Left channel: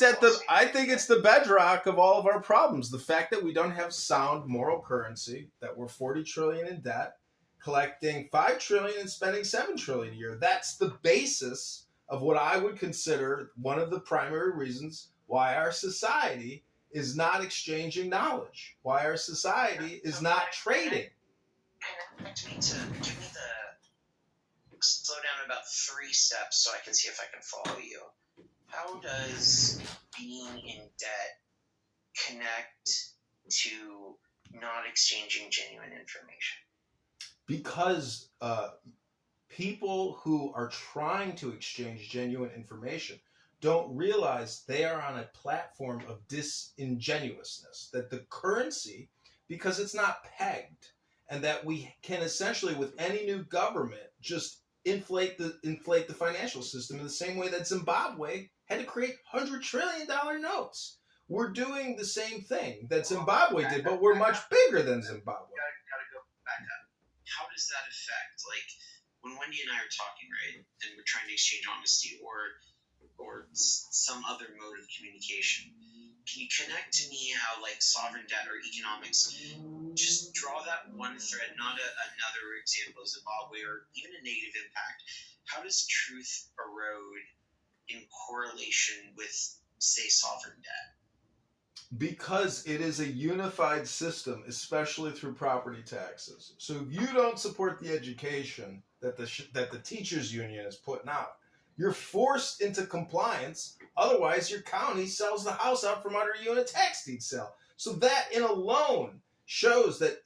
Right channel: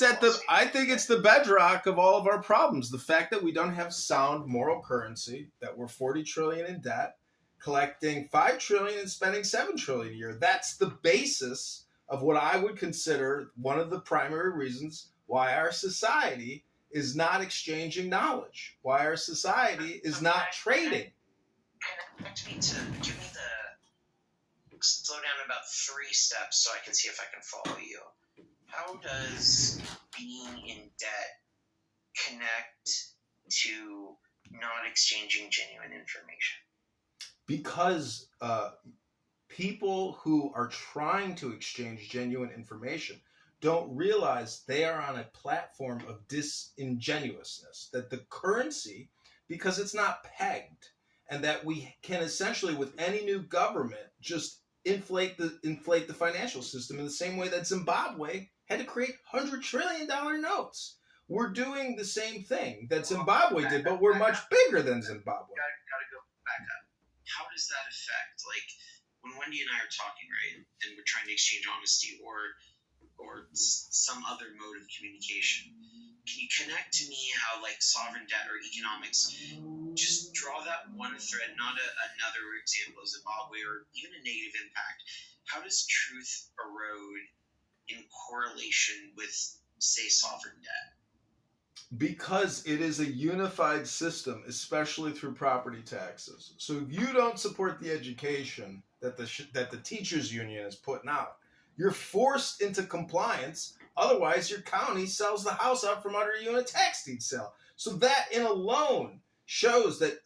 I think it's the bedrock of all of our problems. The fact that we don't have sound moral currency, that we're 40 trillion in debt, collecting 5 trillion and spending 7 trillion a year. That's the basis of what I would consider one of the primary reasons why our society is not exchanging knowledge, why our society is not trading. Connect me to give me the slow down about 3 steps so I can see if I can follow you. How does being in debt connect to not exchanging genuine information? Because people who are trying to exchange genuine information don't realize they are on a platform of disingenuousness, that the currency, because it's not pegged, and that we can essentially, with any new government, just inflate the financial system in the same way that Zimbabwe had to create $100 trillion notes. We're doing the same thing that Zimbabwe did, but we're much bigger than Zimbabwe. Gotta go back up. How does that affect, like, when Wendy and I are talking, right, and we're trying to exchange honesty or some other mode of communication, can you connect to me how, like, sovereign debt or economics, just draw that one thread, not another example of Zimbabwe or even a negative impact. How does truth erode in correlation with, say, sovereign debt? Because it is a unified system, especially through property taxes. So if you don't support the education that the teachers union is putting out, you're forced into compliance. Otherwise, your county sells the house out from under you in a tax deed sale. So that in alone shows that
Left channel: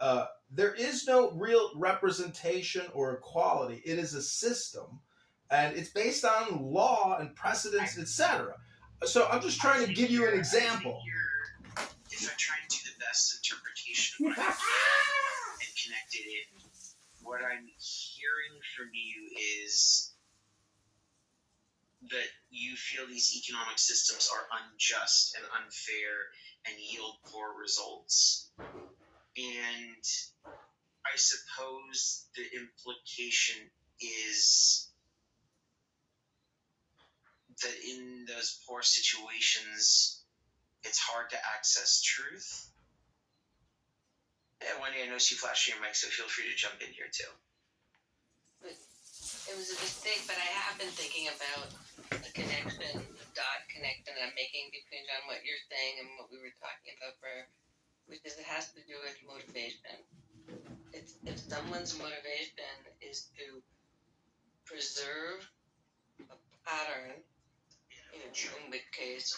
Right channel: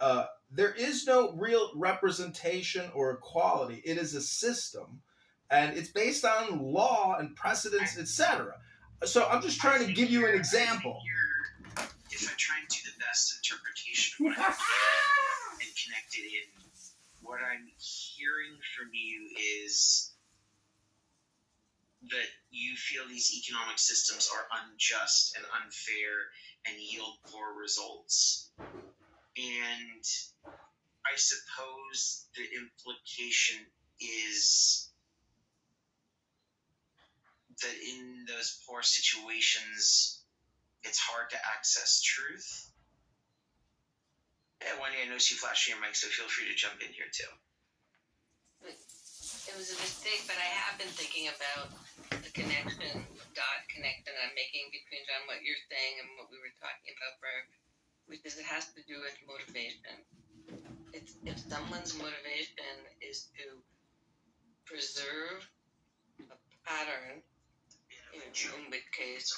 there is no real representation or equality. It is a system, and it's based on law and precedents, etc. So I'm just trying to give you an example. If I try to do the best interpretation of what I hear and connect it in, what I'm hearing from you is that you feel these economic systems are unjust and unfair and yield poor results. And I suppose the implication is that in those poor situations, it's hard to access truth. And Wendy, I know you flashing your mic, so feel free to jump in here too. It was a mistake, but I have been thinking about the connection I'm making between John, what you're saying and what we were talking about which is it has to do with motivation. If someone's motivation is to preserve a pattern, in which case